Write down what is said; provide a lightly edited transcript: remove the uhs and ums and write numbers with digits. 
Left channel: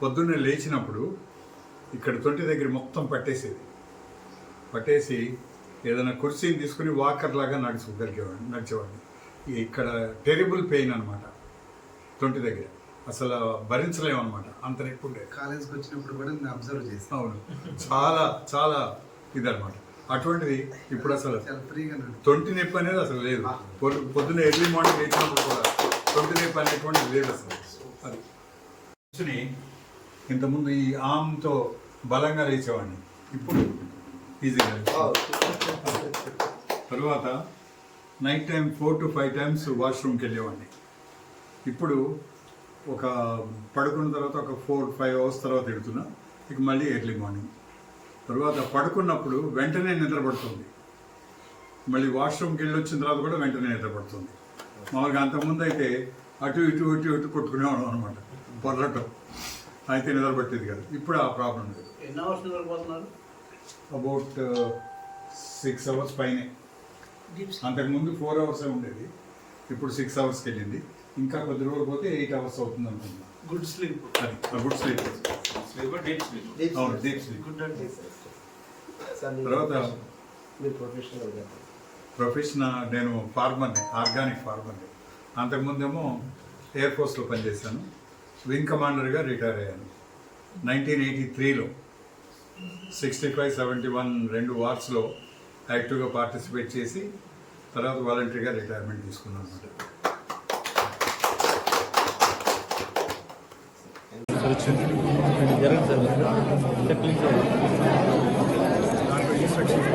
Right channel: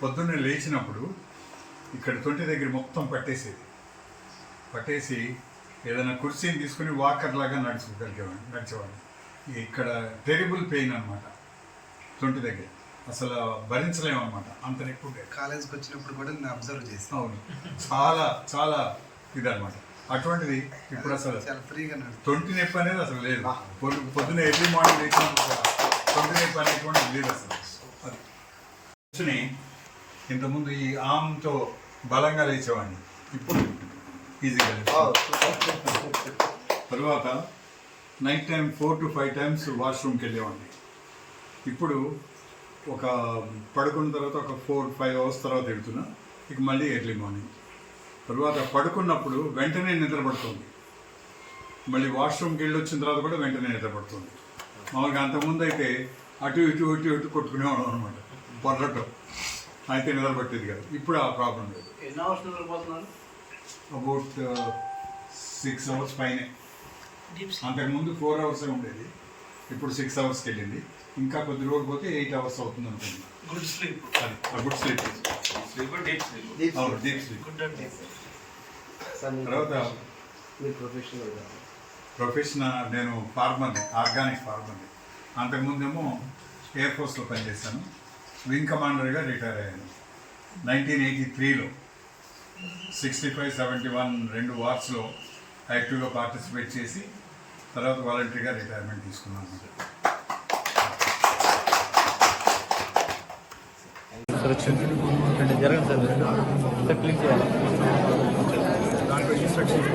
పొద్దున్నే లేచినప్పుడు ఇక్కడ తొంటి దగ్గర మొత్తం పట్టేసి ఏదైనా కుర్చీని తీసుకుని వాకర్ లాగా నడిచేవాడిని. ఇక్కడ టెరిబుల్ పెయిన్ అనమాట, తొంటి దగ్గర అసలు భరించలేమన్నమాట, అంత నొప్పి ఉండేది. కాలేజ్కి వచ్చినప్పుడు కూడా నేను అబ్జర్వ్ చేస్తాను. అవును, చాలా చాలా ఇదనమాట. అటువంటిది ఇప్పుడు అసలు ఫ్రీగా తొంటి నొప్పి అనేది అసలు లేదు. పొద్దున్న ఎర్లీ మార్నింగ్ లేచినప్పుడు కూడా తొంటి నొప్పి అనేటువంటిది లేదు అసలు. అది కూర్చుని ఇంతకుముందు ఈ ఆమ్తో బలంగా లేచేవాడిని, ఇప్పుడు ఈజీగా. తర్వాత నైట్ టైం 4 to 5 times వాష్రూమ్కి వెళ్ళేవాడిని. ఇప్పుడు ఒక పడుకున్న తర్వాత ఒక 4-5 hours తర్వాత వెళ్తున్నా, ఇక మళ్ళీ ఎర్లీ మార్నింగ్. తర్వాత పడుకున్నప్పుడు వెంటనే నిద్రపడుతుంది, మళ్ళీ వాష్రూమ్కి వెళ్ళి వచ్చిన తర్వాత కూడా వెంటనే నిద్రపడుతుంది. మామూలుగా అంతకుముందు అయితే అటు ఇటు కొట్టుకునేవాడు అనమాట, పొర్రటం అయితే నిద్రపట్టేది కాదు. ఇప్పుడు ఆ ప్రాబ్లం లేదు. ఎన్ని అవర్స్ నిద్రపోతున్నారు? అబౌట్ 6 hours పైనే. అంతకుముందు 4 hours ఉండేది, ఇప్పుడు 6 hours వెళ్ళింది. ఇంకా కొద్ది రోజులు పోతే 8 hours అవుతుంది అనుకుంటున్నాను. Good sleep. Good sleep, deep sleep. Deep sleep. Good and deep. తర్వాత ప్రొఫెషన్ నేను ఫార్మర్ని, ఆర్గానిక్ ఫార్మర్ని. అంతకుముందేమో ఎయిర్ ఫోర్స్లో పనిచేశాను, వింగ్ కమాండర్గా రిటైర్ అయ్యాను 1983లో. 65, 71 2 వార్స్లో యాక్టివ్గా పార్టిసిపేట్ చేసి తర్వాత వాలంటరీగా రిటైర్మెంట్ తీసుకున్నాను అనమాట. దాంట్లో ఇన్స్ట్రక్షన్స్